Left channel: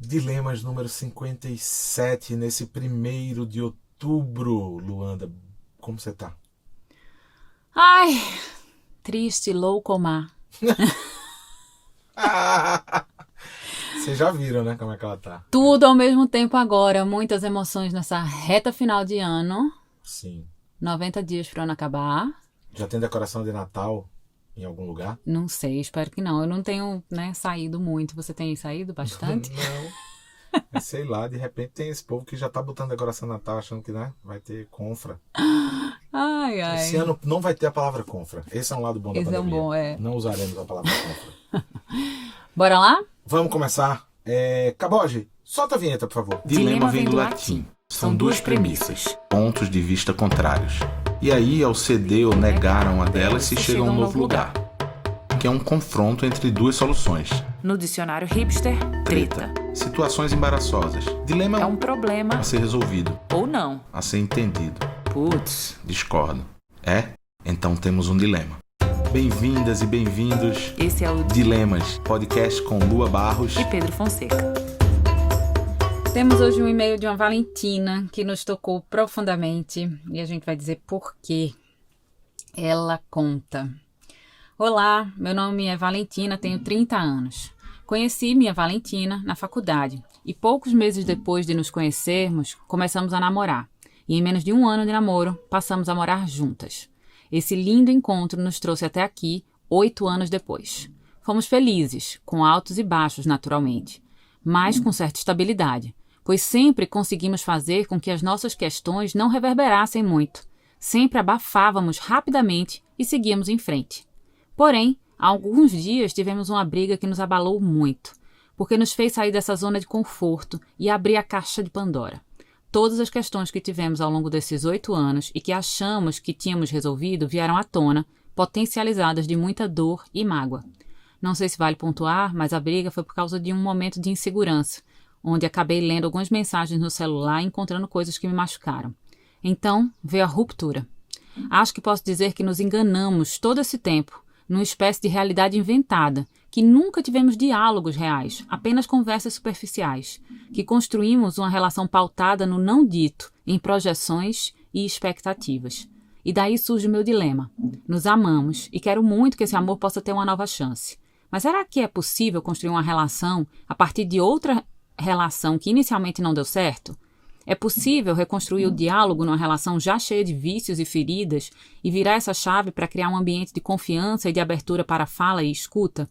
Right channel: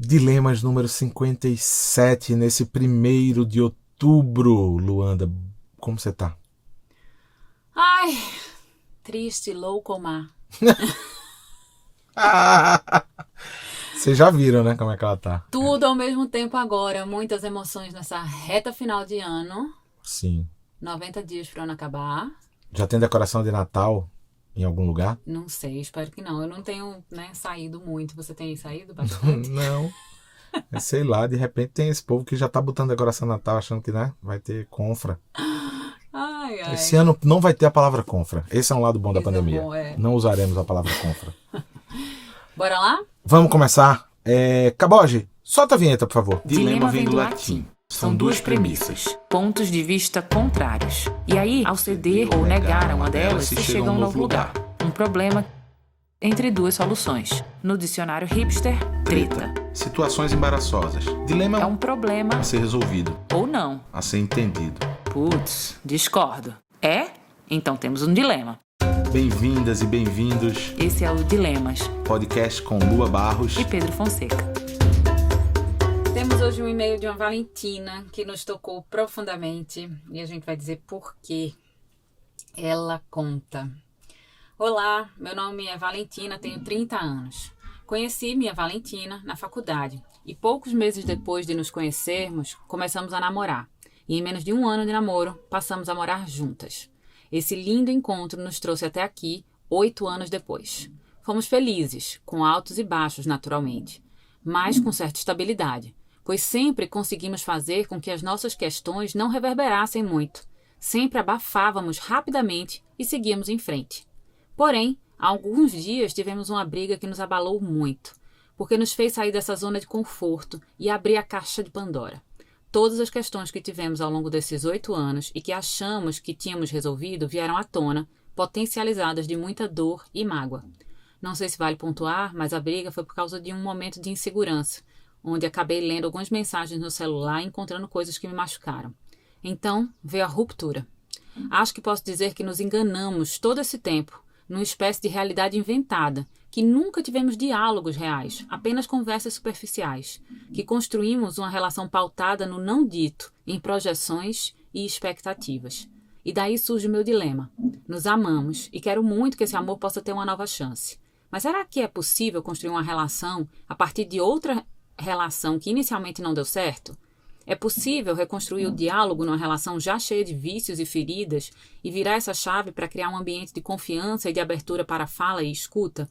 Dilemas número 57, nesse 1º de outubro. Luanda, como você tá? Ai, triste, loucomar. Vocês já viram, né, como é que ela tá? Tudo ao mesmo tempo agora, muitas emoções nessa reta final de ano. Sim. 90 dias para o ano acabar. Já tem decoração de Natal em algum lugar? Não sei, espero que não. Eu não tenho, saído muito. Você tem saído bastante? Não. Sei lá, de repente tem esse povo que já tá botando decoração de Natal achando que, né, vai ter confra. Ai, Esse ai. ano não vai ter a palavra confra. Esse é um lado bom da Esse é um pandemia. bom, é. Não usaremos a palavra confra. Bora lá? Vamos começar. Caboge, solta a vinheta, por favor. Dilema vem do latim. São duas premissas, pontos de vista contrários. E aí, ao ceder ou negar uma delas, se chega a um novo lugar. Um problema Que é um confronto entre duas soluções. No dicionário hipster, treta. Situações embaraçosas. Dilema É um problema a ser resolvido, ou não. a ser entendido. Putz, discordo. É? Então temos um dilema. Bem-vindas e bem-vindos. Esse é o Dilemas, Dilemas. podcast com Lua Barros. E Pedro Fonseca. Temos hoje um e-mail de uma Valentina que nos tocou profundamente e a gente vai dizer por quê. Ela conta: Olá, meu nome é Valentina, tenho 30 anos. Conheci minha Valentina na faculdade e poucos meses depois de nos conhecermos, começamos a namorar. E em menos de um ano de namoro, passamos a morar juntas. Esse lindo encontro nos trouxe até aqui, 8 anos depois. Fomos felizes, com altos e baixos naturalmente, mas com certa estabilidade, pois sempre conseguimos fazer com que as nossas questões não reverberassem muito. Sempre abafávamos rapidamente e seguíamos em frente. Porém, há alguns dias tivemos uma briga que nos abalou muito, porque nos fez sair dessa zona de conforto e abrir a caixa de Pandora. Todas as questões que tivemos ao longo desses 8 anos e que achamos que tínhamos resolvido vieram à tona, potencializadas de muita dor e mágoa. Não sei se vale pontuar, mas a briga foi por causa de um momento de insegurança, onde acabei lendo algumas mensagens no celular e encontrando coisas que me machucaram. Então, veio a ruptura. Acho que posso dizer que nos enganamos todo esse tempo, numa espécie de realidade inventada, que nunca tivemos diálogos reais, apenas conversas superficiais, que construímos uma relação pautada no não dito, em projeções e expectativas. E daí surge o meu dilema. Nos amamos e quero muito que esse amor possa ter uma nova chance. Mas será que é possível construir uma relação a partir de outra relação que inicialmente não deu certo? É possível reconstruir o diálogo numa relação já cheia de vícios e feridas e virar essa chave para criar um ambiente de confiança e de abertura para a fala e escuta?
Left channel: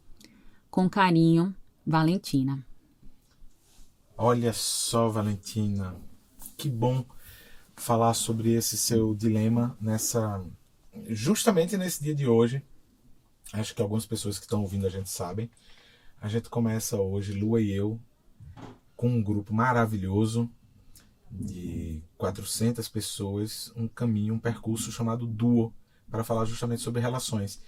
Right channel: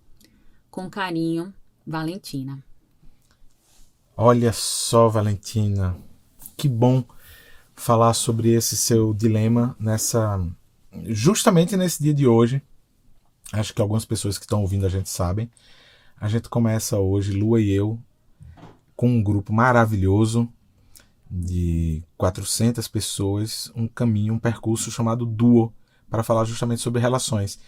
Com carinho, Valentina. Olha só, Valentina, que bom falar sobre esse seu dilema justamente nesse dia de hoje. Acho que algumas pessoas que estão ouvindo a gente sabem. A gente começa hoje, Lua e eu, com um grupo maravilhoso de 400 pessoas, um caminho, um percurso chamado Duo, para falar justamente sobre relações.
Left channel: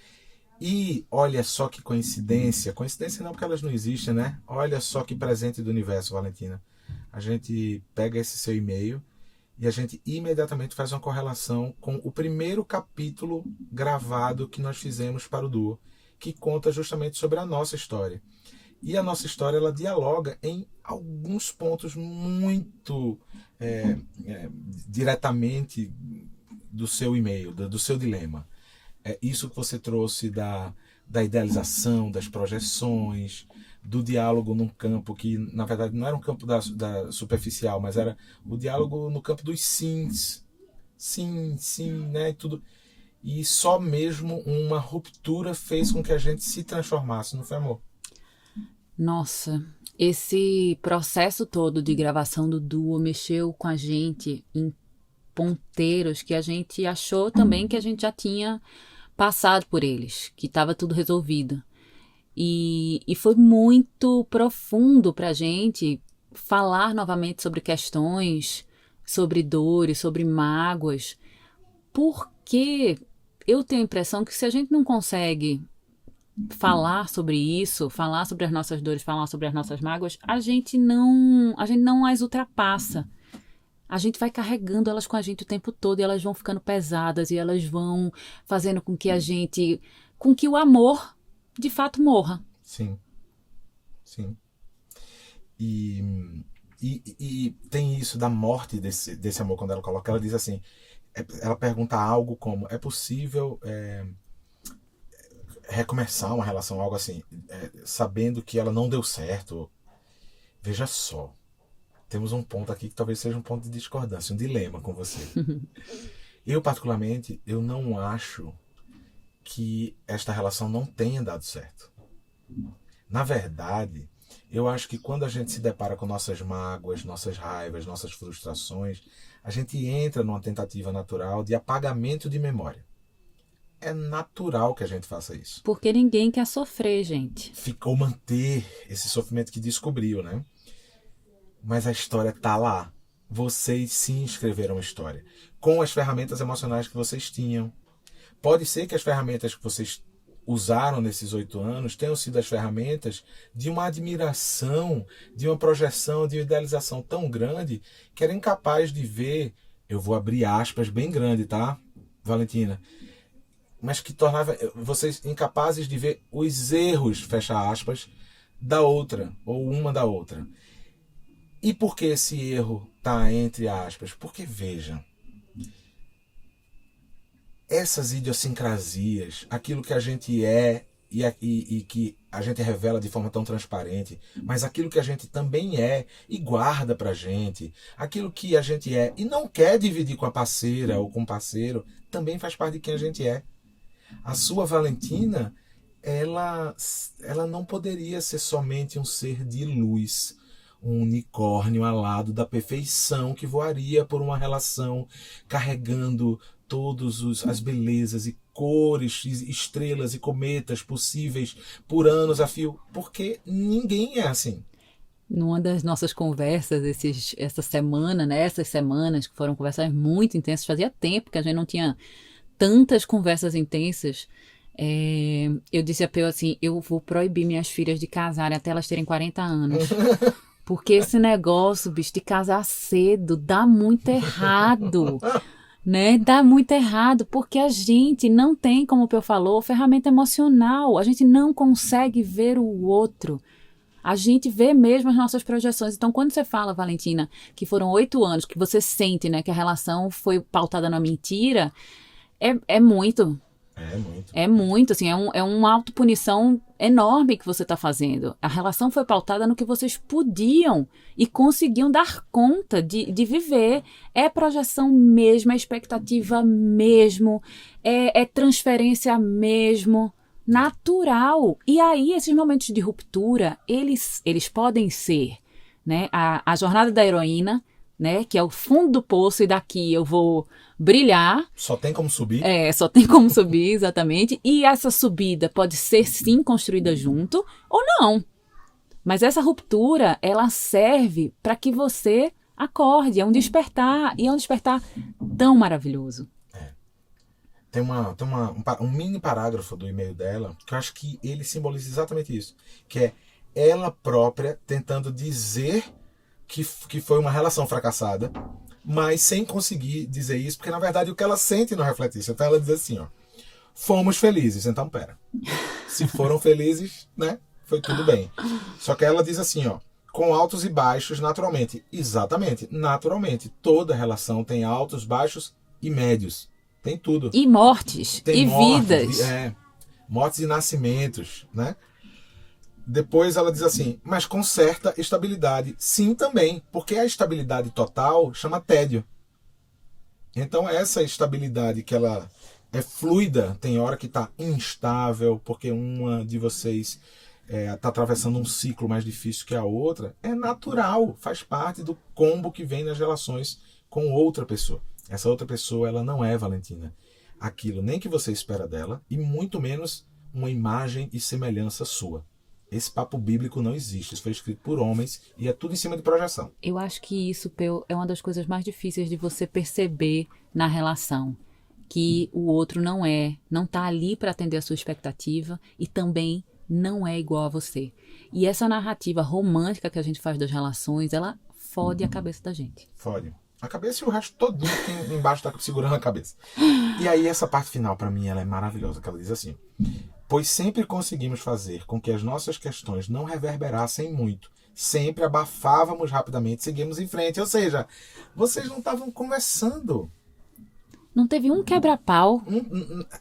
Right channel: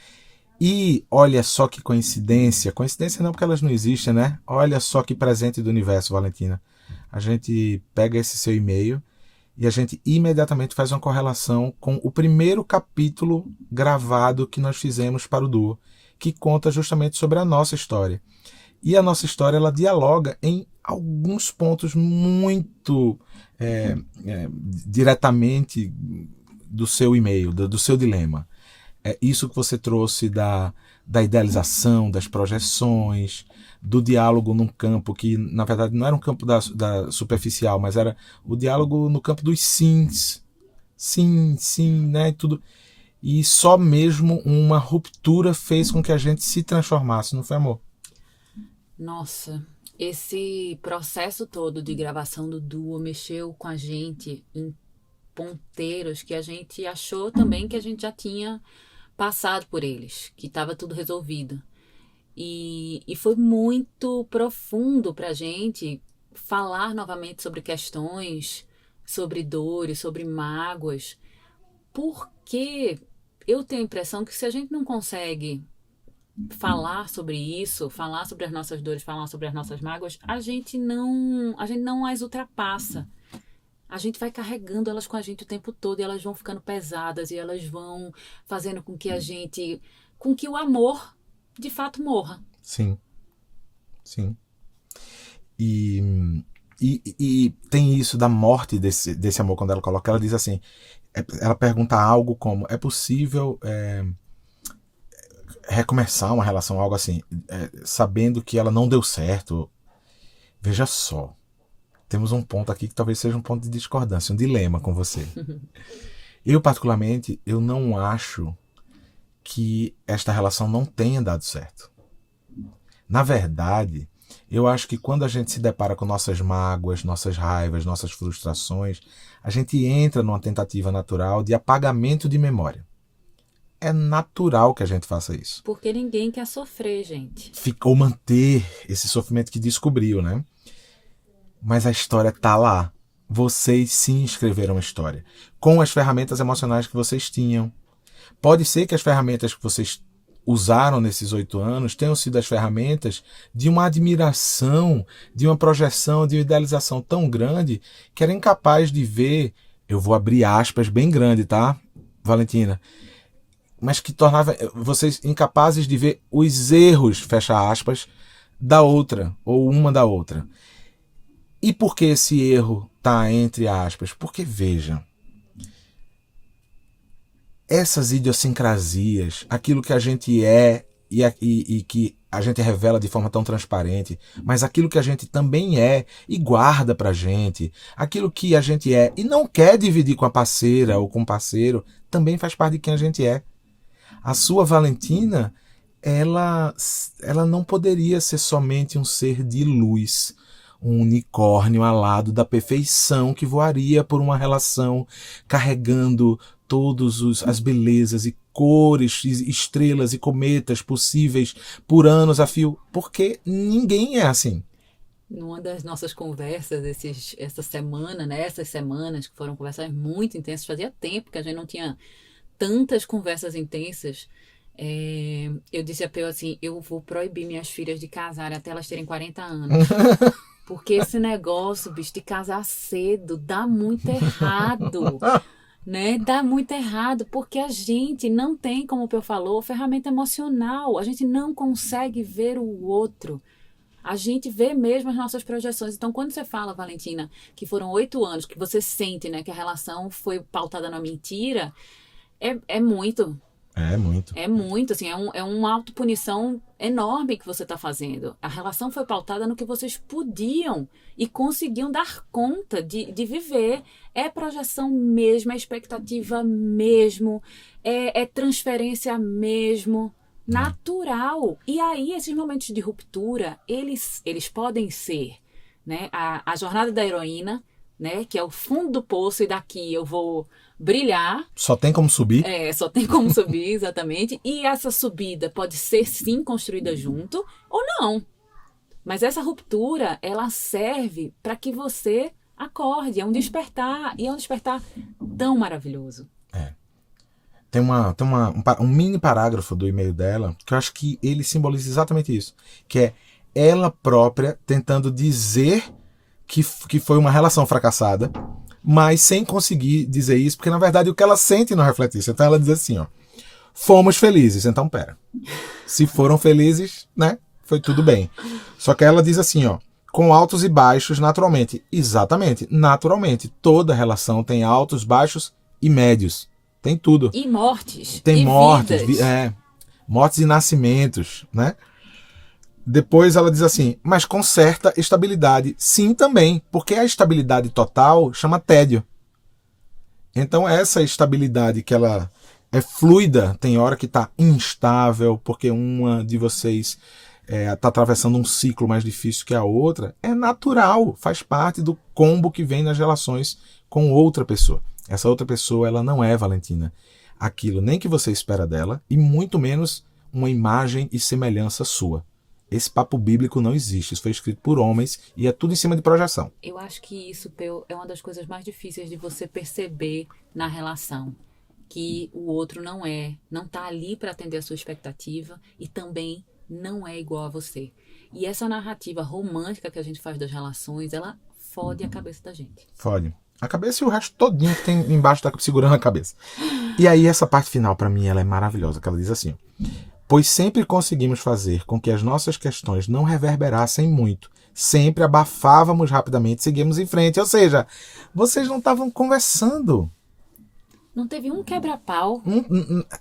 E olha só que coincidência não porque elas não existem, né? Olha só que presente do universo, Valentina. A gente pega esse seu e-mail e a gente imediatamente faz uma correlação com o primeiro capítulo gravado que nós fizemos para o Duo, que conta justamente sobre a nossa história. E a nossa história, ela dialoga em alguns pontos muito diretamente do seu e-mail, do seu dilema. Isso que você trouxe da idealização, das projeções, do diálogo num campo que, na verdade, não era um campo da superficial, mas era o diálogo no campo dos sims. Sim, sim, né? Tudo. E só mesmo uma ruptura fez com que a gente se transformasse, não foi, amor? Nossa, esse processo todo de gravação do Duo mexeu com a gente em ponteiros que a gente achou também que a gente já tinha passado por eles, que estava tudo resolvido. E foi muito profundo para a gente falar novamente sobre questões, sobre dores, sobre mágoas, porque eu tenho a impressão que se a gente não consegue falar sobre isso, falar sobre as nossas dores, falar sobre as nossas mágoas, a gente não as ultrapassa. A gente vai carregando elas com a gente o tempo todo e elas vão ficando pesadas e elas vão fazendo com que o amor de fato morra. Sim, sim. E tem isso da morte desse amor, quando ela coloca, ela diz assim, ela pergunta algo como, é possível recomeçar uma relação, algo assim, sabendo que ela não deu certo? Veja só, temos um ponto aqui que talvez seja um ponto de discordância, um dilema com você. Eu, particularmente, eu não acho que esta relação não tenha dado certo. Na verdade, eu acho que quando a gente se depara com nossas mágoas, nossas raivas, nossas frustrações, a gente entra numa tentativa natural de apagamento de memória. É natural que a gente faça isso. Porque ninguém quer sofrer, gente. Ou manter esse sofrimento que descobriu, né? Mas a história tá lá. Vocês sim escreveram a história. Com as ferramentas emocionais que vocês tinham. Pode ser que as ferramentas que vocês usaram nesses 8 anos tenham sido as ferramentas de uma admiração, de uma projeção, de uma idealização tão grande que era incapaz de ver, eu vou abrir aspas bem grande, tá, Valentina? Mas que tornava vocês incapazes de ver os erros, fecha aspas, da outra, ou uma da outra. E por que esse erro está entre aspas? Porque, veja, essas idiosincrasias, aquilo que a gente é e que a gente revela de forma tão transparente, mas aquilo que a gente também é e guarda pra gente, aquilo que a gente é e não quer dividir com a parceira ou com o parceiro, também faz parte de quem a gente é. A sua Valentina, ela não poderia ser somente um ser de luz, um unicórnio alado da perfeição que voaria por uma relação carregando todas as belezas e cores, estrelas e cometas possíveis por anos a fio, porque ninguém é assim. Numa das nossas conversas essa semana, né, essas semanas que foram conversas muito intensas, fazia tempo que a gente não tinha tantas conversas intensas, eu disse a Peu assim, eu vou proibir minhas filhas de casarem até elas terem 40 anos. Porque esse negócio, bicho, de casar cedo dá muito errado, né? Dá muito errado, porque a gente não tem, como o Peu falou, ferramenta emocional. A gente não consegue ver o outro. A gente vê mesmo as nossas projeções. Então, quando você fala, Valentina, que foram 8 anos, que você sente, né, que a relação foi pautada na mentira, é muito. É muito. É muito, assim, é uma autopunição enorme que você está fazendo. A relação foi pautada no que vocês podiam e conseguiam dar conta de viver. É projeção mesmo, é expectativa mesmo, é transferência mesmo, natural. E aí, esses momentos de ruptura, eles podem ser, né, a jornada da heroína, né, que é o fundo do poço e daqui eu vou brilhar. Só tem como subir. Só tem como subir, exatamente. E essa subida pode ser, sim, construída junto ou não. Mas essa ruptura, ela serve para que você acorde. É um despertar. E é um despertar tão maravilhoso. Tem um mini parágrafo do e-mail dela que eu acho que ele simboliza exatamente isso. Que é ela própria tentando dizer que foi uma relação fracassada, mas sem conseguir dizer isso, porque na verdade o que ela sente não reflete isso. Então ela diz assim, ó, fomos felizes, então pera. Se foram felizes, né, foi tudo bem. Só que ela diz assim, ó, com altos e baixos naturalmente. Exatamente, naturalmente. Toda relação tem altos, baixos e médios. Tem tudo. E mortes, tem e mortes, vidas. Mortes e nascimentos, né? Depois ela diz assim, mas com certa estabilidade. Sim, também, porque a estabilidade total chama tédio. Então essa estabilidade que ela é fluida, tem hora que está instável, porque uma de vocês está atravessando um ciclo mais difícil que a outra, é natural, faz parte do combo que vem nas relações com outra pessoa. Essa outra pessoa, ela não é, Valentina, aquilo nem que você espera dela, e muito menos uma imagem e semelhança sua. Esse papo bíblico não existe. Isso foi escrito por homens e é tudo em cima de projeção. Eu acho que isso, Peu, é uma das coisas mais difíceis de você perceber na relação. Que o outro não está ali para atender a sua expectativa e também não é igual a você. E essa narrativa romântica que a gente faz das relações, ela fode a cabeça da gente. Fode. A cabeça e o resto todinho que tem embaixo tá segurando a cabeça. E aí essa parte final, para mim, ela é maravilhosa, que ela diz assim... Pois sempre conseguimos fazer com que as nossas questões não reverberassem muito, sempre abafávamos rapidamente, seguimos em frente. Ou seja, vocês não estavam conversando. Não teve um quebra-pau,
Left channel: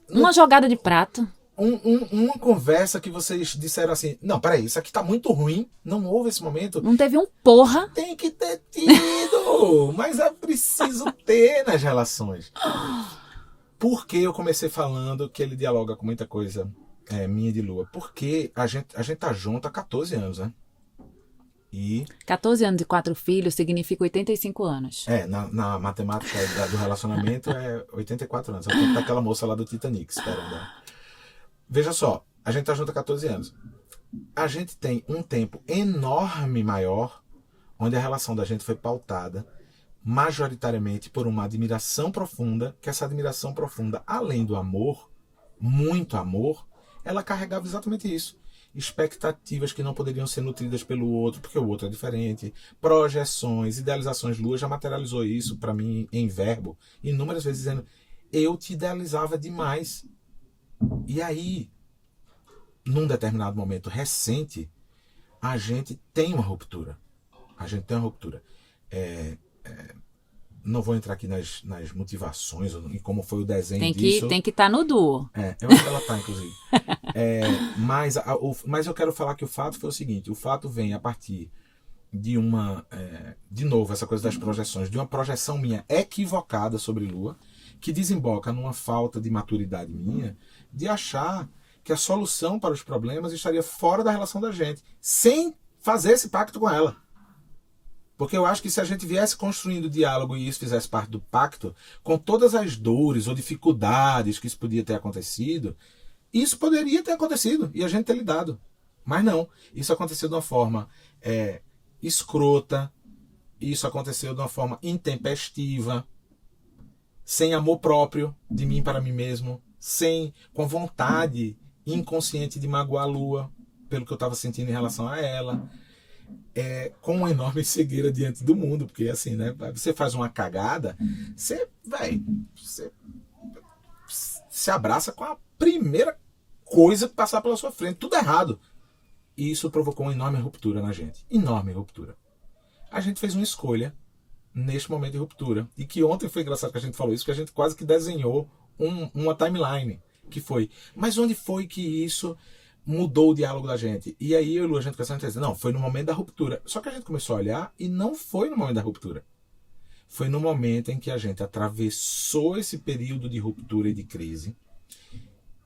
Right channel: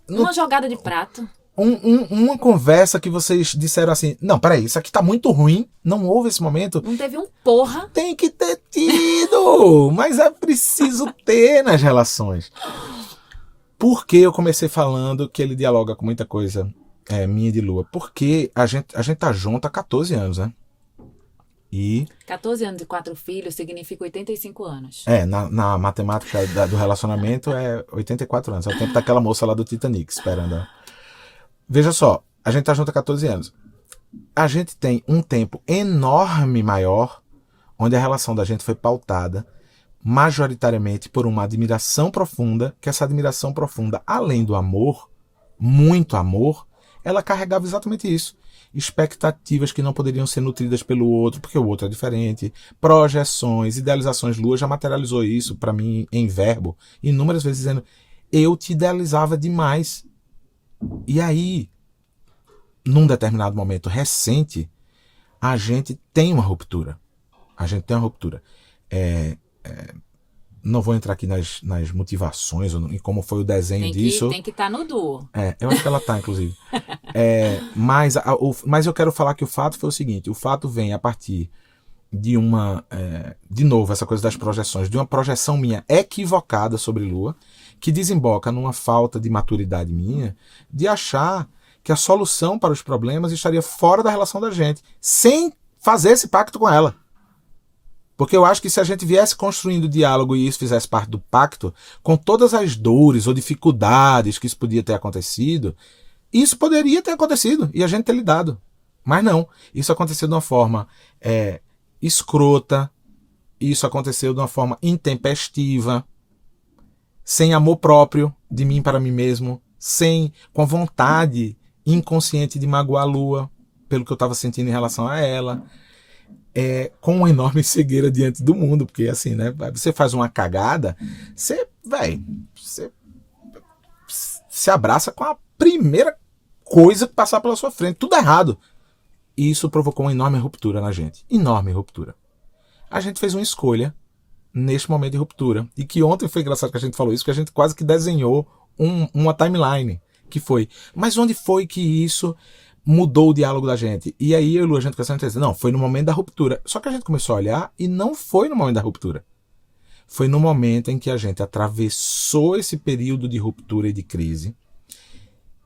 uma jogada de prato. Uma conversa que vocês disseram assim, não, peraí, isso aqui tá muito ruim, não houve esse momento. Não teve um porra. Tem que ter tido, mas é preciso ter nas relações. Por que eu comecei falando que ele dialoga com muita coisa minha de Lua? Porque a gente tá junto há 14 anos, né? E 14 anos e 4 filhos significa 85 anos. Na matemática do relacionamento é 84 anos. É o tempo daquela moça lá do Titanic, esperando. Veja só, a gente tá junto há 14 anos. A gente tem um tempo enorme maior, onde a relação da gente foi pautada majoritariamente por uma admiração profunda, que essa admiração profunda, além do amor, muito amor, ela carregava exatamente isso. Expectativas que não poderiam ser nutridas pelo outro, porque o outro é diferente, projeções, idealizações. Lua já materializou isso para mim em verbo, inúmeras vezes dizendo, eu te idealizava demais. E aí, num determinado momento recente, a gente tem uma ruptura. Não vou entrar aqui nas motivações e como foi o desenho disso. Tem que estar no duo. Eu acho que ela está, inclusive. Mas eu quero falar que o fato foi o seguinte. O fato vem a partir de de novo, essa coisa das projeções, de uma projeção minha equivocada sobre Lua, que desemboca numa falta de maturidade minha, de achar que a solução para os problemas estaria fora da relação da gente, sem fazer esse pacto com ela. Porque eu acho que se a gente viesse construindo diálogo e isso fizesse parte do pacto, com todas as dores ou dificuldades que isso podia ter acontecido, isso poderia ter acontecido e a gente ter lidado. Mas não, isso aconteceu de uma forma escrota, isso aconteceu de uma forma intempestiva, sem amor próprio de mim para mim mesmo, com a vontade inconsciente de magoar a Lua pelo que eu estava sentindo em relação a ela, com uma enorme cegueira diante do mundo, porque assim, né, você faz uma cagada, você se abraça com a primeira coisa que passar pela sua frente, tudo errado. E isso provocou uma enorme ruptura na gente, enorme ruptura. A gente fez uma escolha neste momento de ruptura. E que ontem foi engraçado que a gente falou isso, que a gente quase que desenhou uma timeline, que foi, mas onde foi que isso mudou o diálogo da gente? E aí eu e a gente começou a dizer, não, foi no momento da ruptura. Só que a gente começou a olhar e não foi no momento da ruptura. Foi no momento em que a gente atravessou esse período de ruptura e de crise,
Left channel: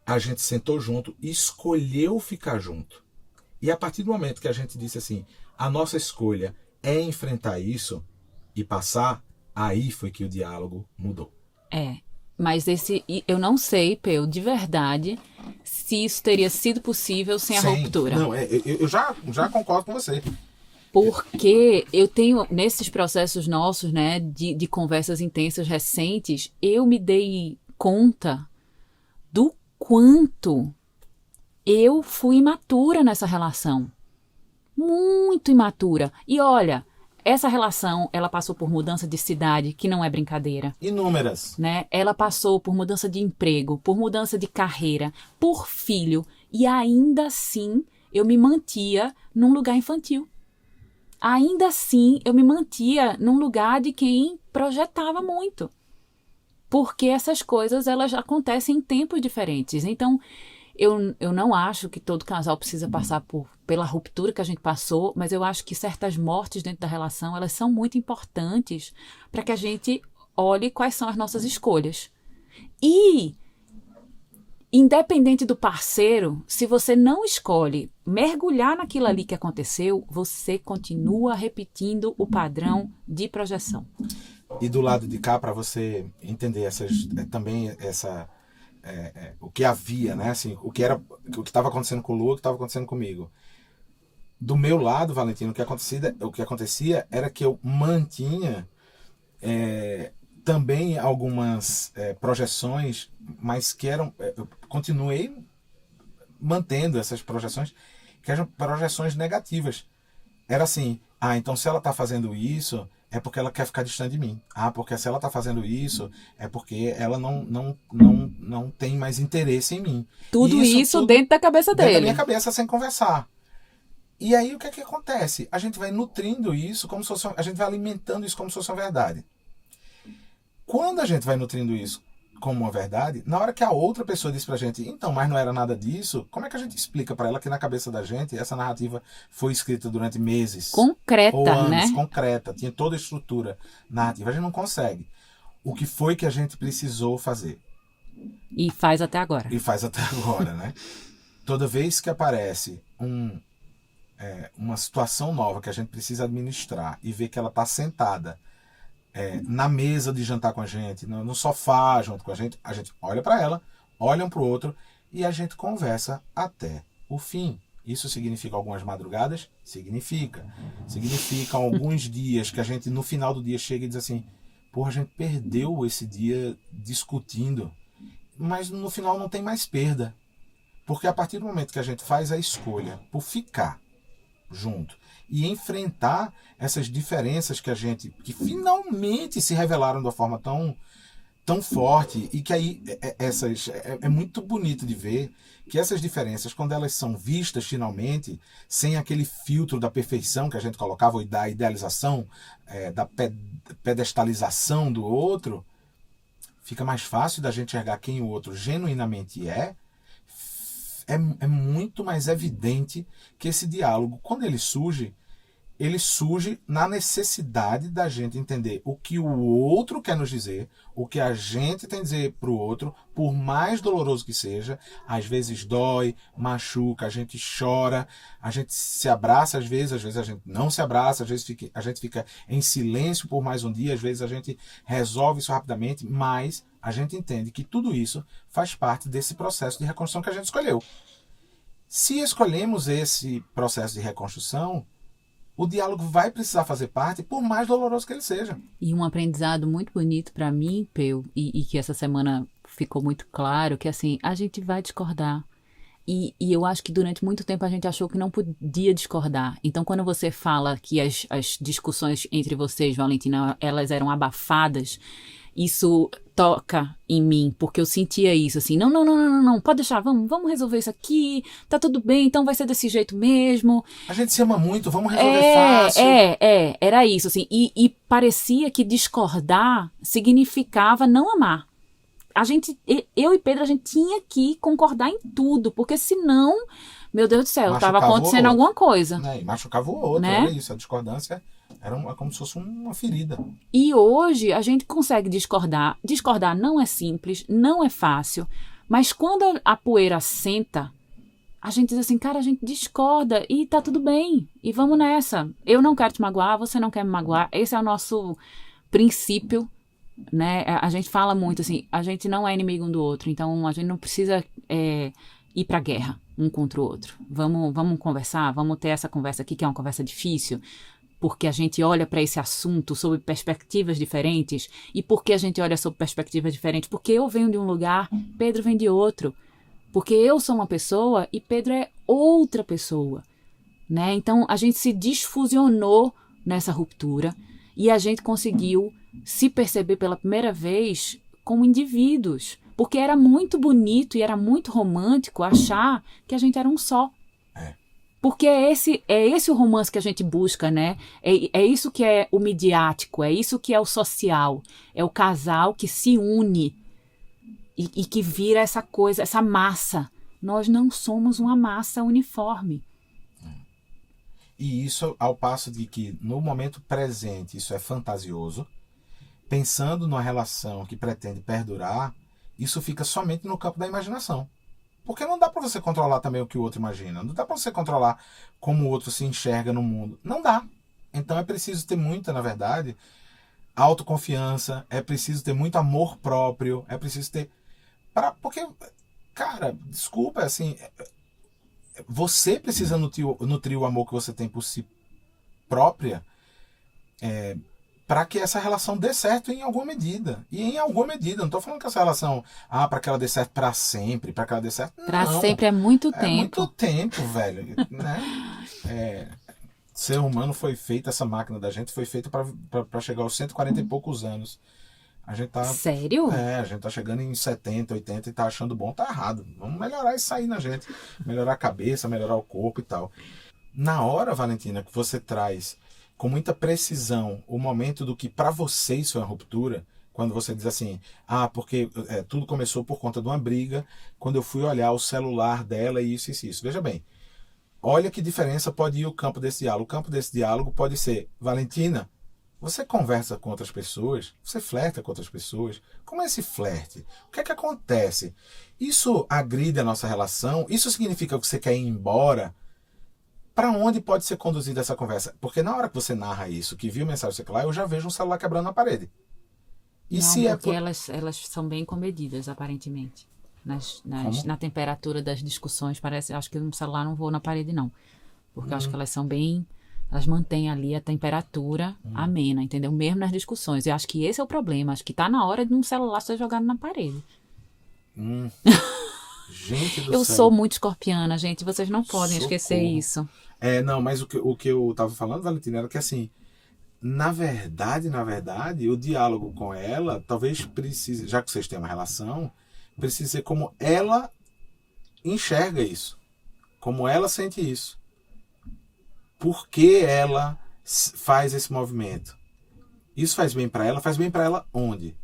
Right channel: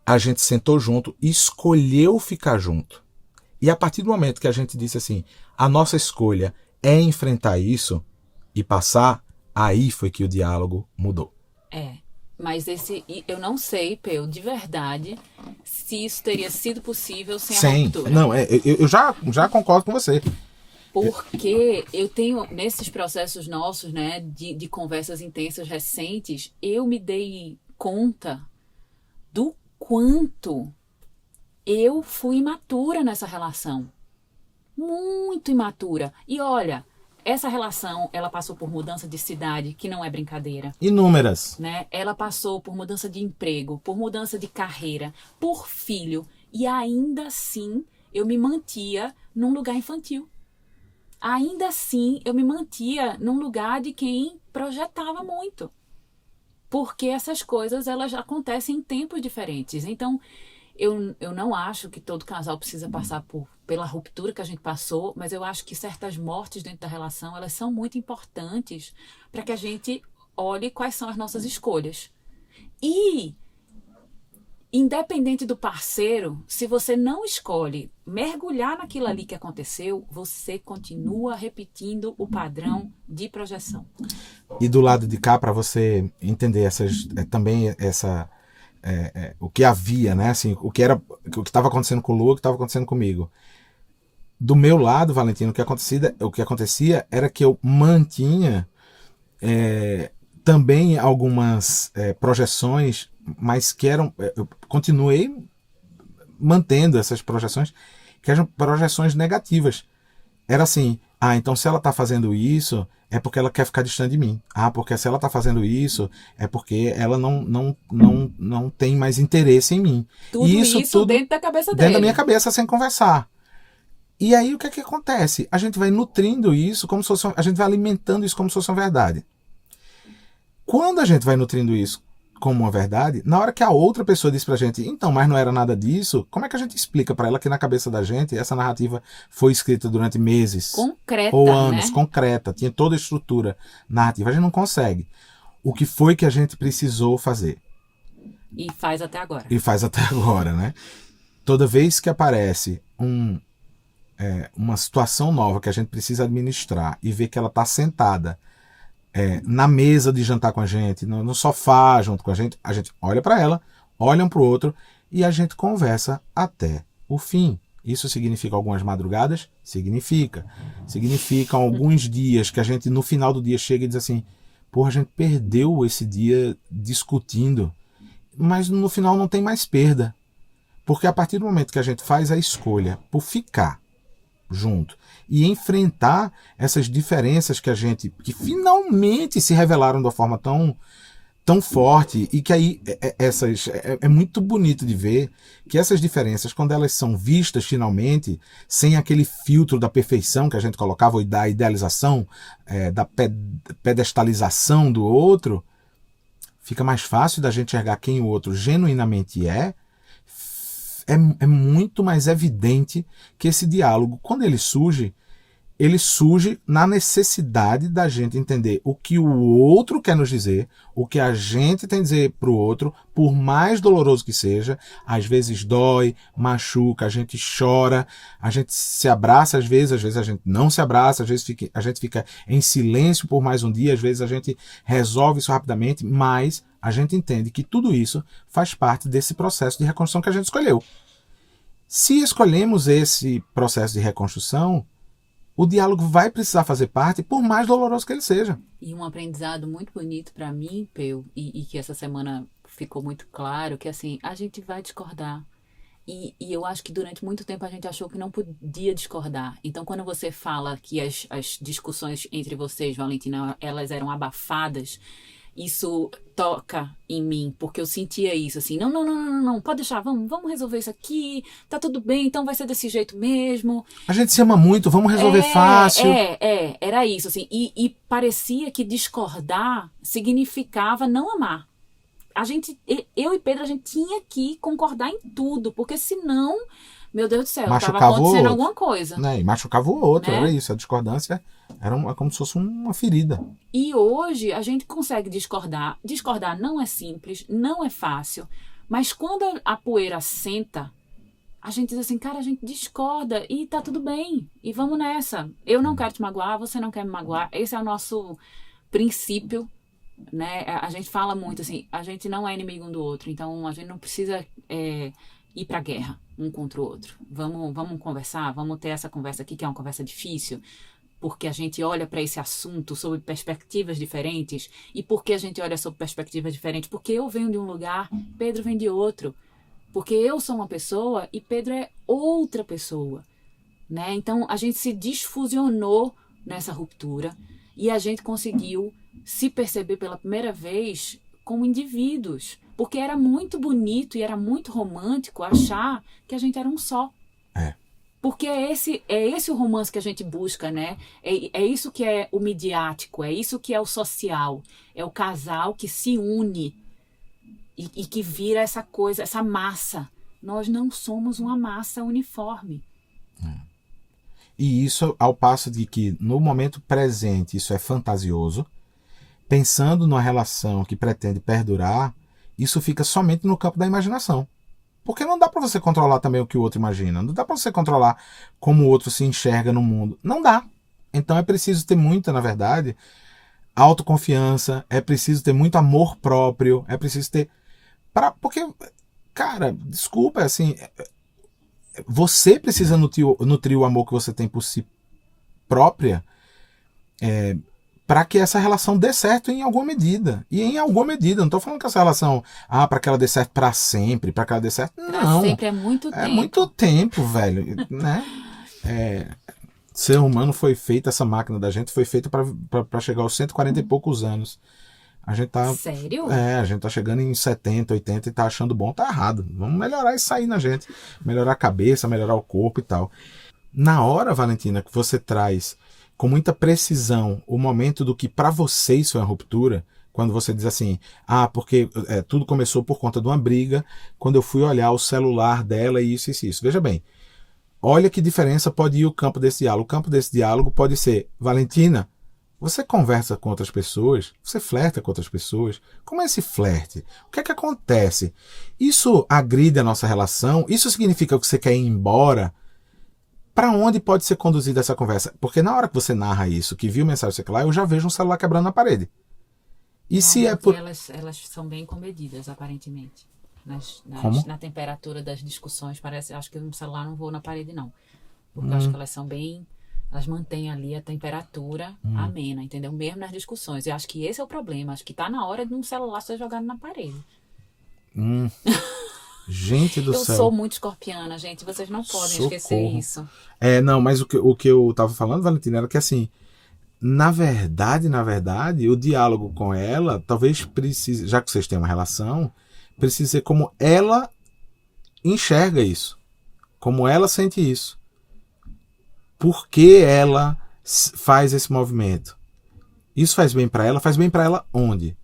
a gente sentou junto e escolheu ficar junto. E a partir do momento que a gente disse assim, a nossa escolha é enfrentar isso e passar, aí foi que o diálogo mudou. Mas eu não sei, Peu, de verdade, se isso teria sido possível sem a ruptura. Não, eu já concordo com você. Porque eu tenho, nesses processos nossos, né, de conversas intensas recentes, eu me dei conta do quanto eu fui imatura nessa relação. Muito imatura. E olha, essa relação, ela passou por mudança de cidade, que não é brincadeira. Inúmeras. Né? Ela passou por mudança de emprego, por mudança de carreira, por filho. E ainda assim, eu me mantia num lugar infantil. Ainda assim, eu me mantia num lugar de quem projetava muito. Porque essas coisas, elas acontecem em tempos diferentes. Então, eu não acho que todo casal precisa passar pela ruptura que a gente passou, mas eu acho que certas mortes dentro da relação, elas são muito importantes para que a gente olhe quais são as nossas escolhas. E, independente do parceiro, se você não escolhe mergulhar naquilo ali que aconteceu, você continua repetindo o padrão de projeção. E do lado de cá, para você entender o que havia, né? Assim, o que estava acontecendo com o Lu, o que estava acontecendo comigo. Do meu lado, Valentino, o que acontecia era que eu mantinha também algumas projeções, mas que eram... Eu continuei mantendo essas projeções, que eram projeções negativas. Era assim, então se ela está fazendo isso, é porque ela quer ficar distante de mim. Porque se ela está fazendo isso, é porque ela não tem mais interesse em mim. Tudo isso dentro da cabeça dele. Dentro da minha cabeça, sem conversar. E aí o que é que acontece? A gente vai nutrindo isso como se fosse, a gente vai alimentando isso como se fosse uma verdade. Quando a gente vai nutrindo isso como uma verdade, na hora que a outra pessoa diz pra gente, então, mas não era nada disso, como é que a gente explica pra ela que na cabeça da gente essa narrativa foi escrita durante meses Concreta, ou anos, né? concreta, tinha toda a estrutura narrativa. A gente não consegue. O que foi que a gente precisou fazer? E faz até agora. E faz até agora, né? Toda vez que aparece uma situação nova que a gente precisa administrar e ver que ela está sentada na mesa de jantar com a gente, no sofá junto com a gente olha para ela, olha um para o outro e a gente conversa até o fim. Isso significa algumas madrugadas? Significa. Significa alguns dias que a gente no final do dia chega e diz assim, porra, a gente perdeu esse dia discutindo, mas no final não tem mais perda. Porque a partir do momento que a gente faz a escolha por ficar junto e enfrentar essas diferenças que finalmente se revelaram de uma forma tão forte e que aí é muito bonito de ver que essas diferenças, quando elas são vistas finalmente, sem aquele filtro da perfeição que a gente colocava, ou da idealização, da pedestalização do outro, fica mais fácil da gente enxergar quem o outro genuinamente é muito mais evidente que esse diálogo, quando ele surge na necessidade da gente entender o que o outro quer nos dizer, o que a gente tem a dizer para o outro, por mais doloroso que seja. Às vezes dói, machuca, a gente chora, a gente se abraça às vezes a gente não se abraça, às vezes a gente fica em silêncio por mais um dia, às vezes a gente resolve isso rapidamente, mas a gente entende que tudo isso faz parte desse processo de reconstrução que a gente escolheu. Se escolhemos esse processo de reconstrução, o diálogo vai precisar fazer parte, por mais doloroso que ele seja. E um aprendizado muito bonito para mim, Peu, e que essa semana ficou muito claro, que assim, a gente vai discordar. E eu acho que durante muito tempo a gente achou que não podia discordar. Então, quando você fala que as discussões entre vocês, Valentina, elas eram abafadas, isso toca em mim, porque eu sentia isso, assim, não, pode deixar, vamos resolver isso aqui, tá tudo bem, então vai ser desse jeito mesmo. A gente se ama muito, vamos resolver fácil. Era isso, assim, e parecia que discordar significava não amar. Eu e Pedro, a gente tinha que concordar em tudo, porque senão, meu Deus do céu, estava acontecendo alguma coisa. Né? E machucava o outro, né? Era isso, a discordância era como se fosse uma ferida. E hoje a gente consegue discordar. Discordar não é simples, não é fácil, mas quando a poeira senta, a gente diz assim, cara, a gente discorda e tá tudo bem, e vamos nessa. Eu não quero te magoar, você não quer me magoar, esse é o nosso princípio, né? A gente fala muito assim, a gente não é inimigo um do outro, então a gente não precisa ir pra guerra um contra o outro. Vamos conversar, vamos ter essa conversa aqui, que é uma conversa difícil, porque a gente olha para esse assunto sob perspectivas diferentes. E por que a gente olha sob perspectivas diferentes? Porque eu venho de um lugar, Pedro vem de outro. Porque eu sou uma pessoa e Pedro é outra pessoa, né? Então a gente se desfusionou nessa ruptura e a gente conseguiu se perceber pela primeira vez como indivíduos. Porque era muito bonito e era muito romântico achar que a gente era um só. Porque é esse o romance que a gente busca, né? É isso que é o midiático, é isso que é o social. É o casal que se une e que vira essa coisa, essa massa. Nós não somos uma massa uniforme. E isso ao passo de que, no momento presente, isso é fantasioso. Pensando numa relação que pretende perdurar, isso fica somente no campo da imaginação. Porque não dá para você controlar também o que o outro imagina. Não dá para você controlar como o outro se enxerga no mundo. Não dá. Então é preciso ter muita, na verdade, autoconfiança. É preciso ter muito amor próprio. É preciso ter... Porque, cara, desculpa, assim... Você precisa nutrir o amor que você tem por si própria para que essa relação dê certo em alguma medida. E em alguma medida, não estou falando que essa relação, para que ela dê certo para sempre, para que ela dê certo. Para sempre é muito tempo. É muito tempo, velho. Né? Ser humano foi feito, essa máquina da gente foi feita para chegar aos 140 e poucos anos. A gente tá. Sério? A gente tá chegando em 70, 80 e tá achando bom, tá errado. Vamos melhorar isso aí na gente. Melhorar a cabeça, melhorar o corpo e tal. Na hora, Valentina, que você traz com muita precisão o momento do que para você isso é uma ruptura, quando você diz assim, porque tudo começou por conta de uma briga, quando eu fui olhar o celular dela e isso e isso, isso. Veja bem, olha que diferença pode ir o campo desse diálogo. O campo desse diálogo pode ser, Valentina, você conversa com outras pessoas, você flerta com outras pessoas. Como é esse flerte? O que é que acontece? Isso agride a nossa relação? Isso significa que você quer ir embora? Para onde pode ser conduzida essa conversa? Porque na hora que você narra isso, que viu mensagem sei lá, eu já vejo um celular quebrando na parede. E se é por... elas são bem comedidas, aparentemente. Na temperatura das discussões, parece, acho que um celular não voa na parede, não. Porque eu acho que elas são bem... Elas mantêm ali a temperatura amena, entendeu? Mesmo nas discussões. Eu acho que esse é o problema. Acho que tá na hora de um celular ser jogado na parede. Gente do céu. Eu sou muito escorpiana, gente. Vocês não podem esquecer isso. Não, mas o que eu tava falando, Valentina, era que assim, na verdade, o diálogo com ela talvez precise, já que vocês têm uma relação, precisa ser como ela enxerga isso. Como ela sente isso. Por que ela faz esse movimento? Isso faz bem para ela? Faz bem para ela onde?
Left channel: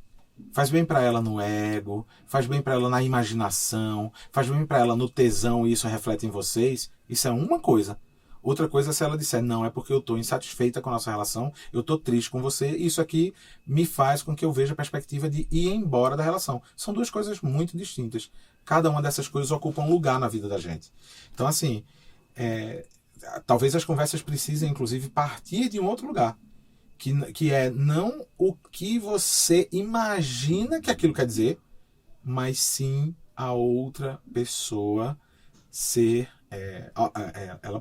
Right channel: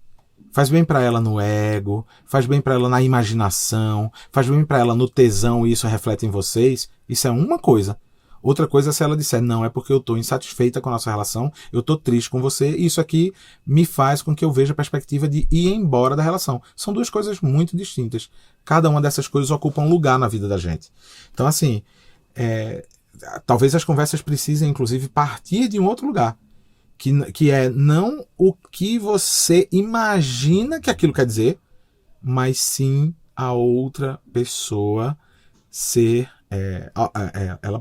Faz bem para ela no ego, faz bem para ela na imaginação, faz bem para ela no tesão e isso reflete em vocês. Isso é uma coisa. Outra coisa é se ela disser, não, é porque eu estou insatisfeita com a nossa relação, eu estou triste com você, e isso aqui me faz com que eu veja a perspectiva de ir embora da relação. São duas coisas muito distintas. Cada uma dessas coisas ocupa um lugar na vida da gente. Então, assim, talvez as conversas precisem, inclusive, partir de um outro lugar. Que é não o que você imagina que aquilo quer dizer, mas sim a outra pessoa ser...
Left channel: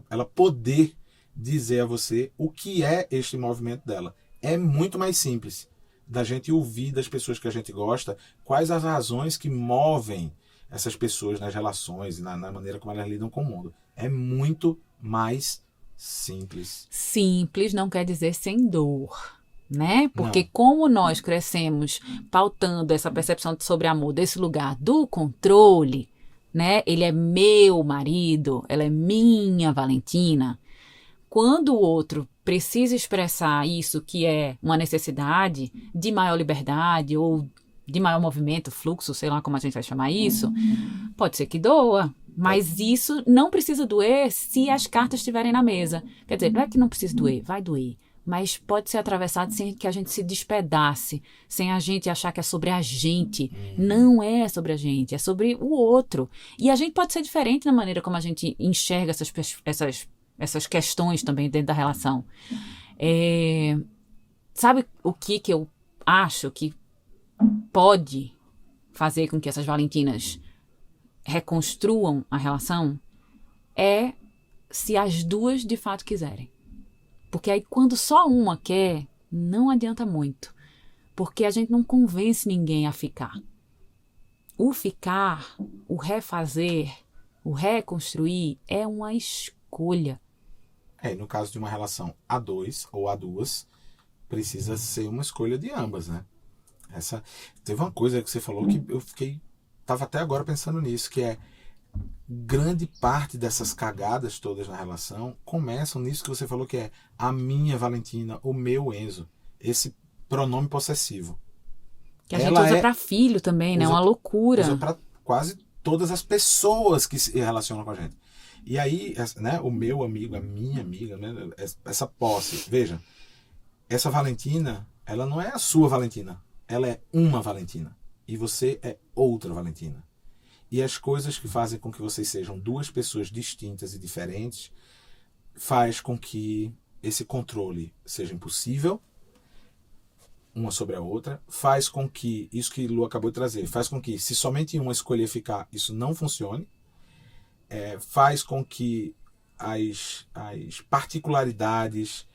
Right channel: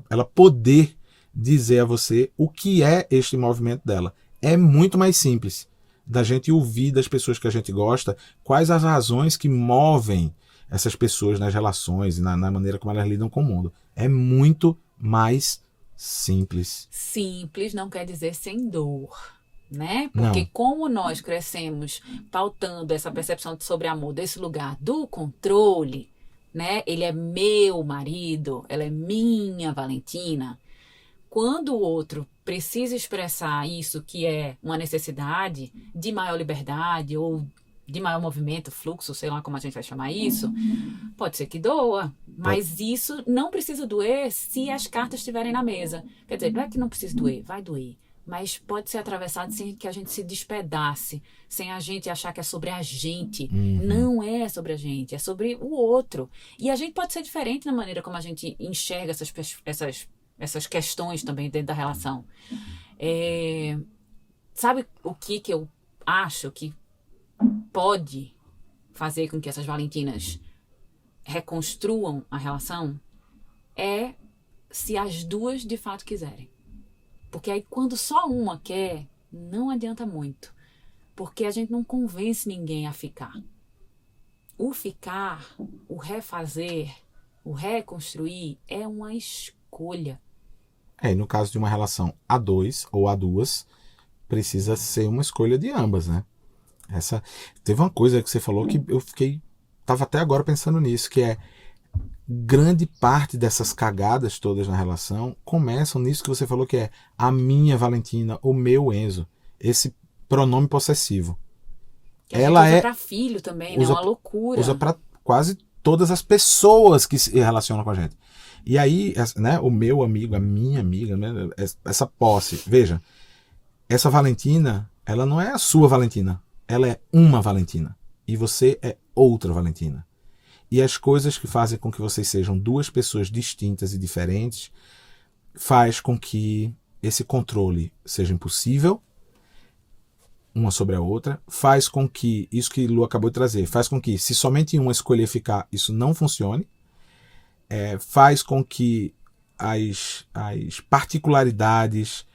ela poder dizer a você o que é este movimento dela. É muito mais simples da gente ouvir das pessoas que a gente gosta quais as razões que movem essas pessoas nas relações e na maneira como elas lidam com o mundo. É muito mais simples. Simples não quer dizer sem dor, né? Porque Não. como nós crescemos pautando essa percepção sobre amor desse lugar do controle, né? Ele é meu marido, ela é minha Valentina. Quando o outro precisa expressar isso, que é uma necessidade de maior liberdade ou de maior movimento, fluxo, sei lá como a gente vai chamar isso, pode ser que doa, mas isso não precisa doer se as cartas estiverem na mesa. Quer dizer, não é que não precisa doer, vai doer, mas pode ser atravessado sem que a gente se despedace, sem a gente achar que é sobre a gente. Não é sobre a gente, é sobre o outro. E a gente pode ser diferente na maneira como a gente enxerga essas questões também dentro da relação. Sabe o que eu acho que pode fazer com que essas Valentinas reconstruam a relação? É se as duas de fato quiserem. Porque aí quando só uma quer, não adianta muito. Porque a gente não convence ninguém a ficar. O ficar, o refazer, o reconstruir é uma escolha. E no caso de uma relação a dois ou a duas, precisa ser uma escolha de ambas, né? Teve uma coisa que você falou que eu tava até agora pensando nisso, que é grande parte dessas cagadas todas na relação começam nisso que você falou, que é a minha Valentina, o meu Enzo, esse pronome possessivo. Que a gente usa pra filho também, né? É uma loucura. Usa pra quase todas as pessoas que se relacionam com a gente. E aí, né, o meu amigo, a minha amiga, né, essa posse. Veja, essa Valentina, ela não é a sua Valentina. Ela é uma Valentina. E você é outra Valentina. E as coisas que fazem com que vocês sejam duas pessoas distintas e diferentes faz com que esse controle seja impossível, uma sobre a outra, faz com que, isso que Lu acabou de trazer, faz com que, se somente uma escolher ficar, isso não funcione, faz com que as particularidades,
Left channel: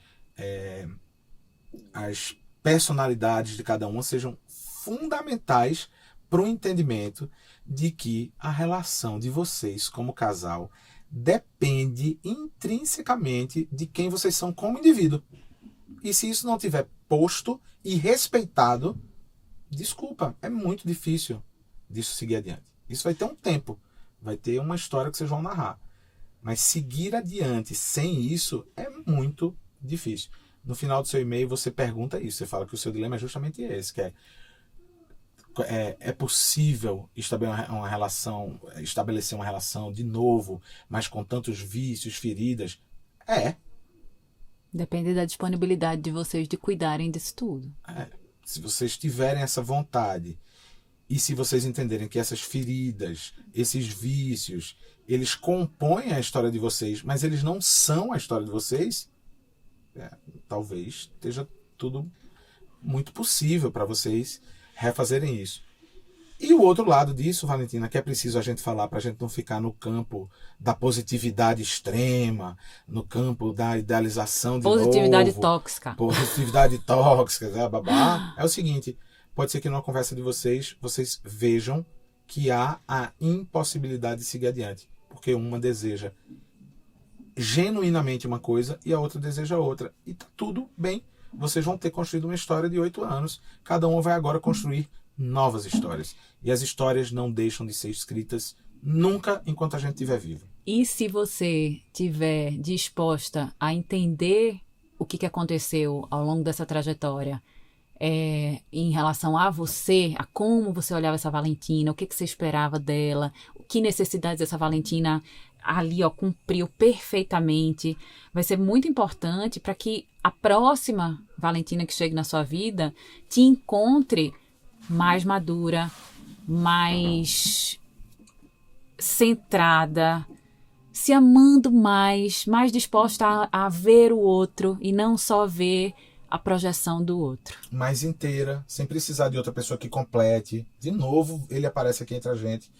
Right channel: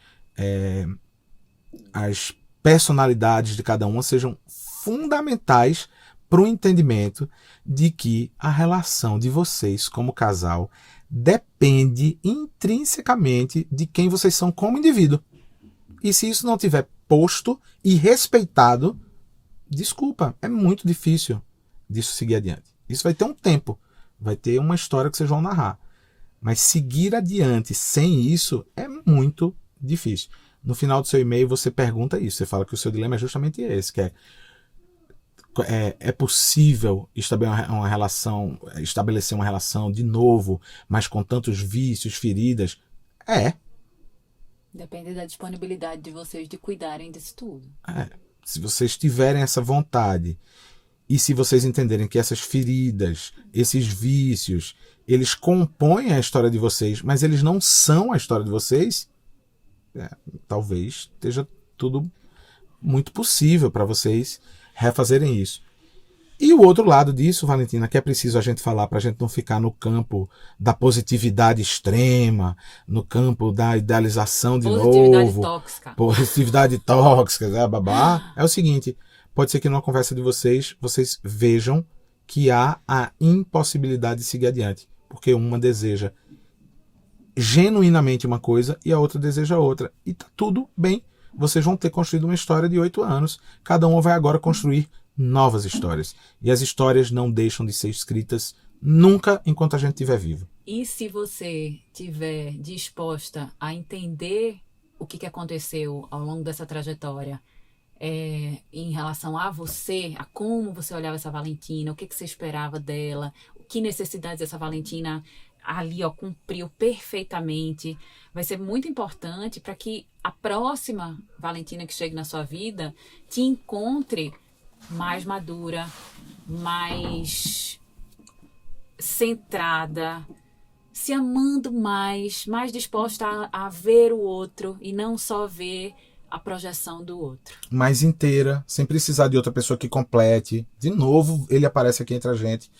as personalidades de cada uma sejam fundamentais para o entendimento de que a relação de vocês como casal depende intrinsecamente de quem vocês são como indivíduo. E se isso não tiver posto e respeitado, desculpa, é muito difícil disso seguir adiante. Isso vai ter um tempo, vai ter uma história que vocês vão narrar. Mas seguir adiante sem isso é muito difícil. No final do seu e-mail você pergunta isso. Você fala que o seu dilema é justamente esse, que é possível estabelecer uma relação de novo, mas com tantos vícios, feridas? Depende da disponibilidade de vocês de cuidarem disso tudo. Se vocês tiverem essa vontade e se vocês entenderem que essas feridas, esses vícios, eles compõem a história de vocês, mas eles não são a história de vocês, talvez esteja tudo muito possível para vocês refazerem isso. E o outro lado disso, Valentina, que é preciso a gente falar para a gente não ficar no campo da positividade extrema, no campo da idealização de positividade tóxica. Positividade tóxica, babá. É o seguinte, pode ser que numa conversa de vocês vejam que há a impossibilidade de seguir adiante, porque uma deseja genuinamente uma coisa e a outra deseja outra. E tá tudo bem. Vocês vão ter construído uma história de 8 anos. Cada um vai agora construir novas histórias. E as histórias não deixam de ser escritas nunca enquanto a gente estiver vivo. E se você estiver disposta a entender o que aconteceu ao longo dessa trajetória, em relação a você, a como você olhava essa Valentina, o que você esperava dela, que necessidades essa Valentina ali cumpriu perfeitamente, vai ser muito importante para que a próxima Valentina que chegue na sua vida te encontre mais madura, mais centrada, se amando mais disposta a ver o outro e não só ver a projeção do outro. Mais inteira, sem precisar de outra pessoa que complete. De novo, ele aparece aqui entre a gente.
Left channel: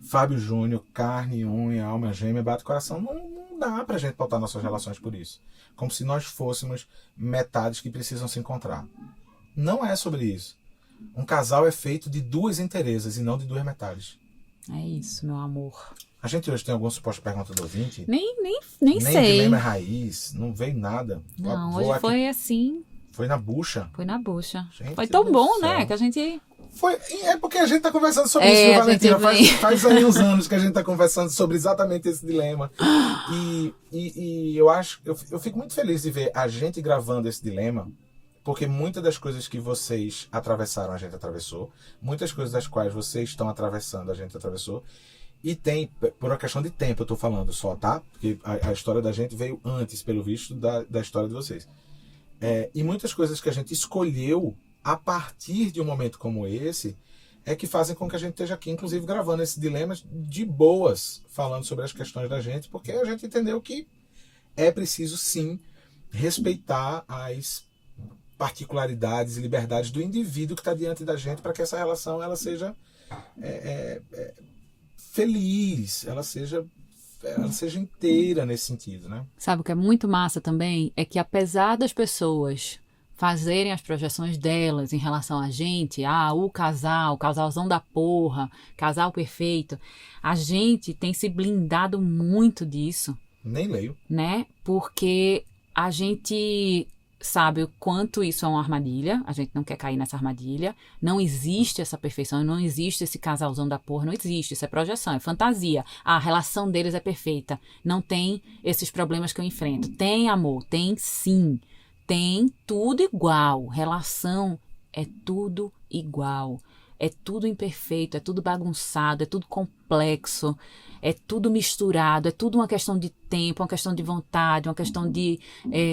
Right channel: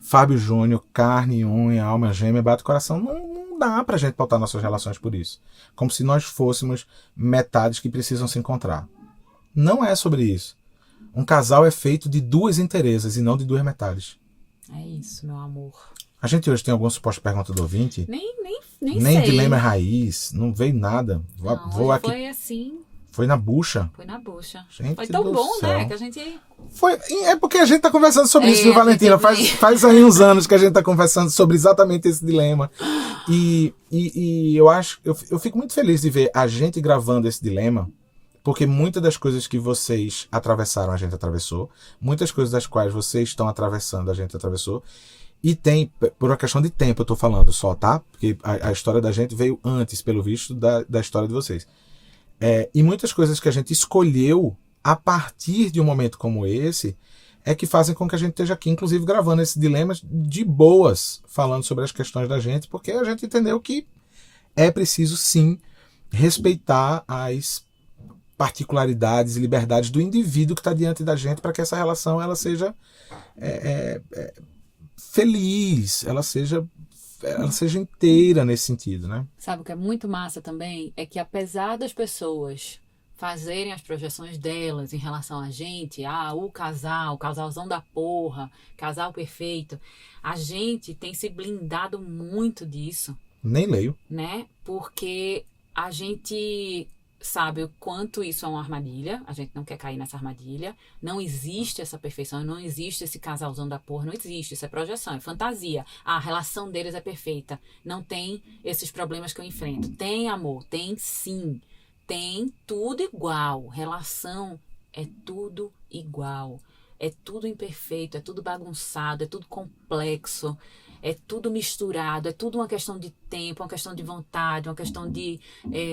Fábio Júnior, carne, unha, alma gêmea, bate coração. Não dá pra gente pautar nossas relações por isso. Como se nós fôssemos metades que precisam se encontrar. Não é sobre isso. Um casal é feito de 2 inteirezas e não de 2 metades. É isso, meu amor. A gente hoje tem alguma suposta pergunta do ouvinte? Nem Nem sei. dilema raiz, não veio nada. Não, hoje aqui. Foi assim. Foi na bucha. Foi na bucha. Gente, foi tão bom, né? Que a gente... É porque a gente tá conversando sobre isso, viu, Valentina? Faz aí uns anos que a gente tá conversando sobre exatamente esse dilema. E eu fico muito feliz de ver a gente gravando esse dilema, porque muitas das coisas que vocês atravessaram, a gente atravessou. Muitas coisas das quais vocês estão atravessando, a gente atravessou. E tem, por uma questão de tempo eu tô falando só, tá? Porque a história da gente veio antes, pelo visto, da história de vocês. E muitas coisas que a gente escolheu a partir de um momento como esse é que fazem com que a gente esteja aqui, inclusive gravando esses dilemas de boas, falando sobre as questões da gente, porque a gente entendeu que é preciso sim respeitar as particularidades e liberdades do indivíduo que está diante da gente para que essa relação ela seja feliz, ela seja inteira nesse sentido, né? Sabe o que é muito massa também? É que apesar das pessoas fazerem as projeções delas em relação a gente, o casalzão da porra, casal perfeito, a gente tem se blindado muito disso. Nem leio. Né? Porque a gente sabe o quanto isso é uma armadilha, a gente não quer cair nessa armadilha, não existe essa perfeição, não existe esse casalzão da porra, não existe, isso é projeção, é fantasia, a relação deles é perfeita, não tem esses problemas que eu enfrento, tem amor, tem sim, tem tudo igual, relação é tudo igual, é tudo imperfeito, é tudo bagunçado, é tudo complexo, é tudo misturado, é tudo uma questão de tempo, uma questão de vontade, uma questão de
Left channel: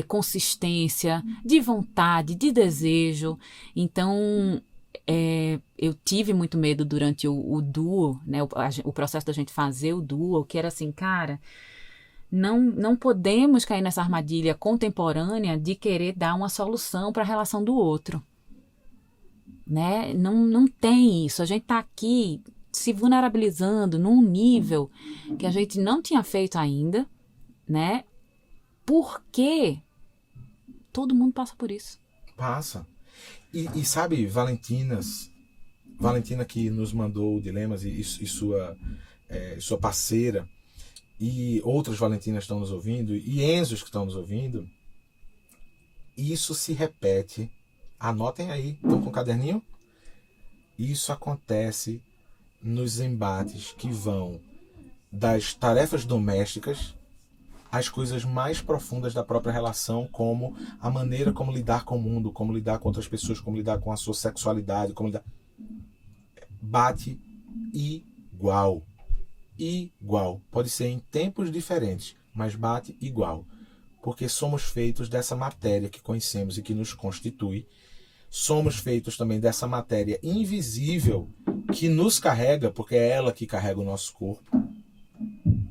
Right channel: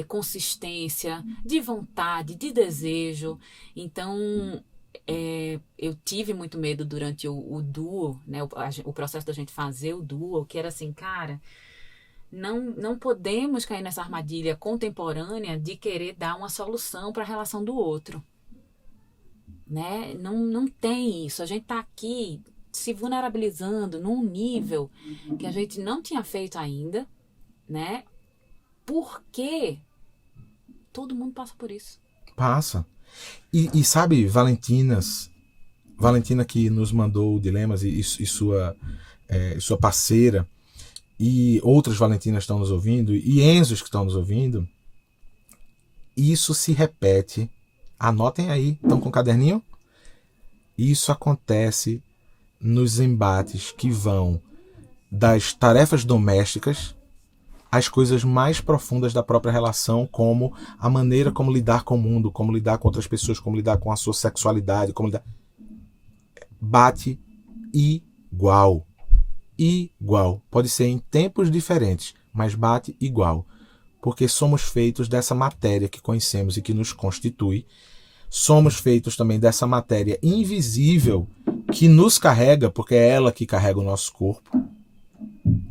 consistência, de vontade, de desejo. Então, eu tive muito medo durante o duo, né, o processo da gente fazer o duo, que era assim, cara, não podemos cair nessa armadilha contemporânea de querer dar uma solução para a relação do outro. Né? Não tem isso, a gente está aqui se vulnerabilizando num nível que a gente não tinha feito ainda, né? Porque todo mundo passa por isso. Passa. E sabe, Valentina que nos mandou dilemas e sua parceira, e outras Valentinas estão nos ouvindo, e Enzos que estão nos ouvindo, isso se repete. Anotem aí, estão com o caderninho? Isso acontece nos embates que vão das tarefas domésticas, as coisas mais profundas da própria relação, como a maneira como lidar com o mundo, como lidar com outras pessoas, como lidar com a sua sexualidade, como lidar... Bate igual. Igual. Pode ser em tempos diferentes, mas bate igual. Porque somos feitos dessa matéria que conhecemos e que nos constitui. Somos feitos também dessa matéria invisível que nos carrega, porque é ela que carrega o nosso corpo,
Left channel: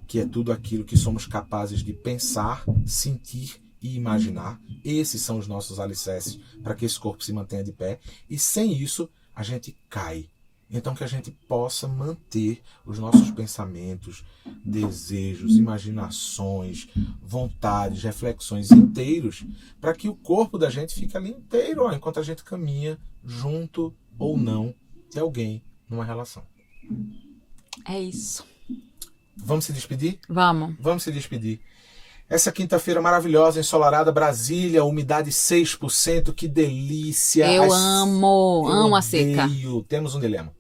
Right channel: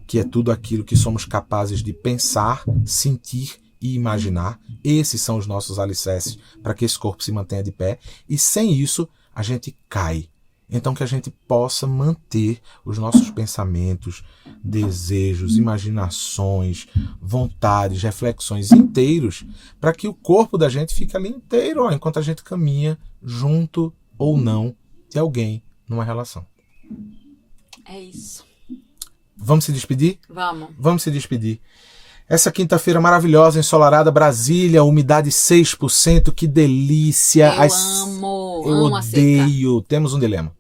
que é tudo aquilo que somos capazes de pensar, sentir e imaginar. Esses são os nossos alicerces para que esse corpo se mantenha de pé. E sem isso, a gente cai. Então que a gente possa manter os nossos pensamentos, desejos, imaginações, vontades, reflexões inteiros, para que o corpo da gente fique ali inteiro, enquanto a gente caminha junto ou não de alguém numa relação. É isso. Vamos se despedir? Vamos. Vamos se despedir. Essa quinta-feira maravilhosa, ensolarada, Brasília, umidade 6%, que delícia. Eu amo a seca. Temos um dilema.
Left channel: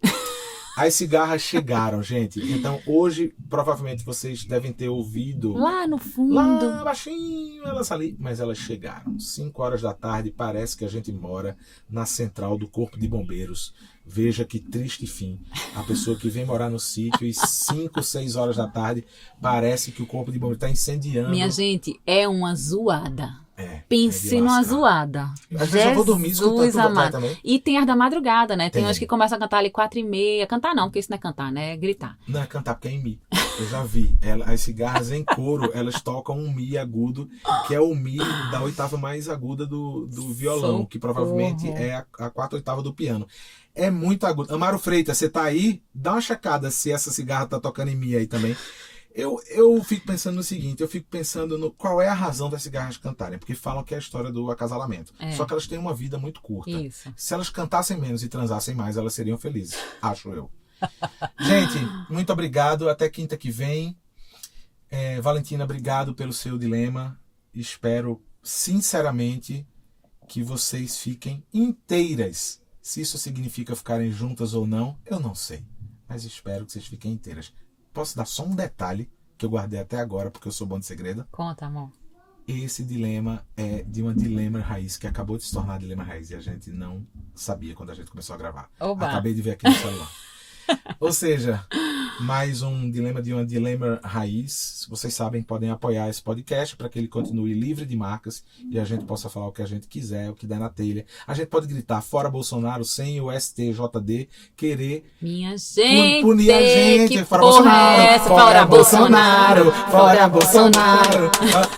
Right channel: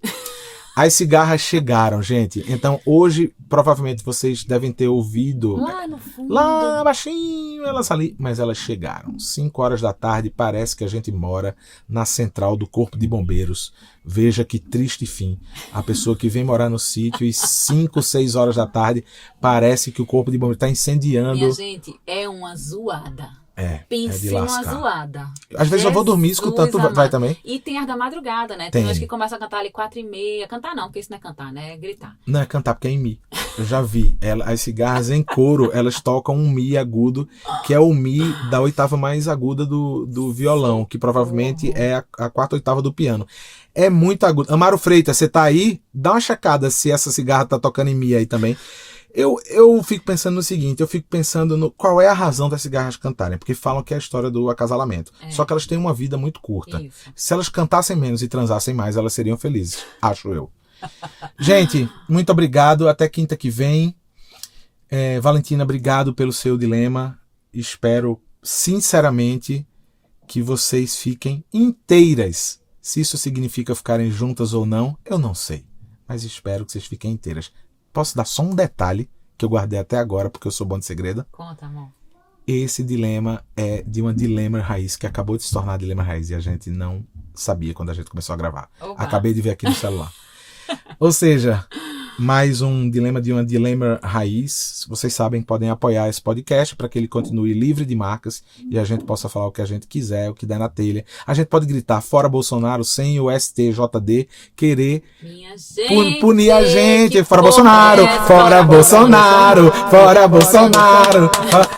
As cigarras chegaram, gente. Então, hoje, provavelmente, vocês devem ter ouvido... Lá no fundo. Lá baixinho, elas ali. Mas elas chegaram. 5 horas da tarde, parece que a gente mora na central do Corpo de Bombeiros. Veja que triste fim. A pessoa que vem morar no sítio e 5, 6 horas da tarde, parece que o Corpo de Bombeiros está incendiando. Minha gente, é uma zoada. Pense numa zoada. Às vezes eu vou dormir escutando, tu vai também? E tem as da madrugada, né? Tem umas que começam a cantar ali 4h30. Cantar não, porque isso não é cantar, né? É gritar. Não é cantar, porque é em mi. Eu já vi. As cigarras em coro, elas tocam um mi agudo, que é o mi da oitava mais aguda do violão, que provavelmente é a quarta oitava do piano. É muito agudo. Amaro Freitas, você tá aí? Dá uma checada se essa cigarra tá tocando em mi aí também. Eu fico pensando no seguinte, eu fico pensando no qual é a razão das cigarras cantarem, porque falam que é a história do acasalamento. Só que elas têm uma vida muito curta. Isso. Se elas cantassem menos e transassem mais, elas seriam felizes, acho eu. Gente, muito obrigado, até quinta que vem. Valentina, obrigado pelo seu dilema. Espero, sinceramente, que vocês fiquem inteiras. Se isso significa ficarem juntas ou não, eu não sei. Mas espero que vocês fiquem inteiras. Posso dar só um detalhe que eu guardei até agora, porque eu sou bom de segredo? Conta, amor. Esse dilema é de uma dilema raiz, que acabou de se tornar dilema raiz, e a gente não sabia quando a gente começou a gravar. Oba. Acabei de ver aqui no celular. Ou seja, mais um dilema de uma dilema raiz. Vocês sabem, podem apoiar esse podcast para que ele continue livre de marcas e a gente possa falar o que a gente quiser, o que der na telha. A gente pode gritar fora Bolsonaro sem o STJD querer punir a gente. Fora Bolsonaro, fora Bolsonaro, fora Bolsonaro.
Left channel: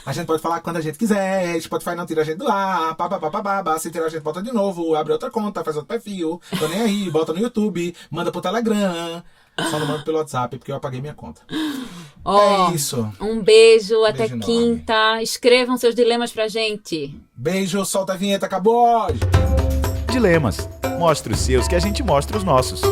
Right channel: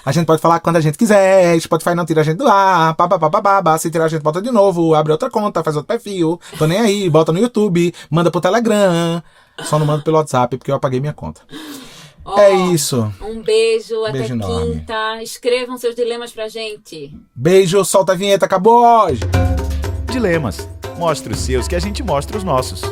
A gente pode falar quando a gente quiser. Spotify não tira a gente do ar. Se tirar a gente, bota de novo. Abre outra conta, faz outro perfil. Tô nem aí, bota no YouTube, manda pro Telegram. Só não mando pelo WhatsApp porque eu apaguei minha conta. É isso. Um beijo até enorme. quinta. Escrevam seus dilemas pra gente. Beijo, solta a vinheta, acabou hoje. Dilemas. Mostre os seus que a gente mostra os nossos.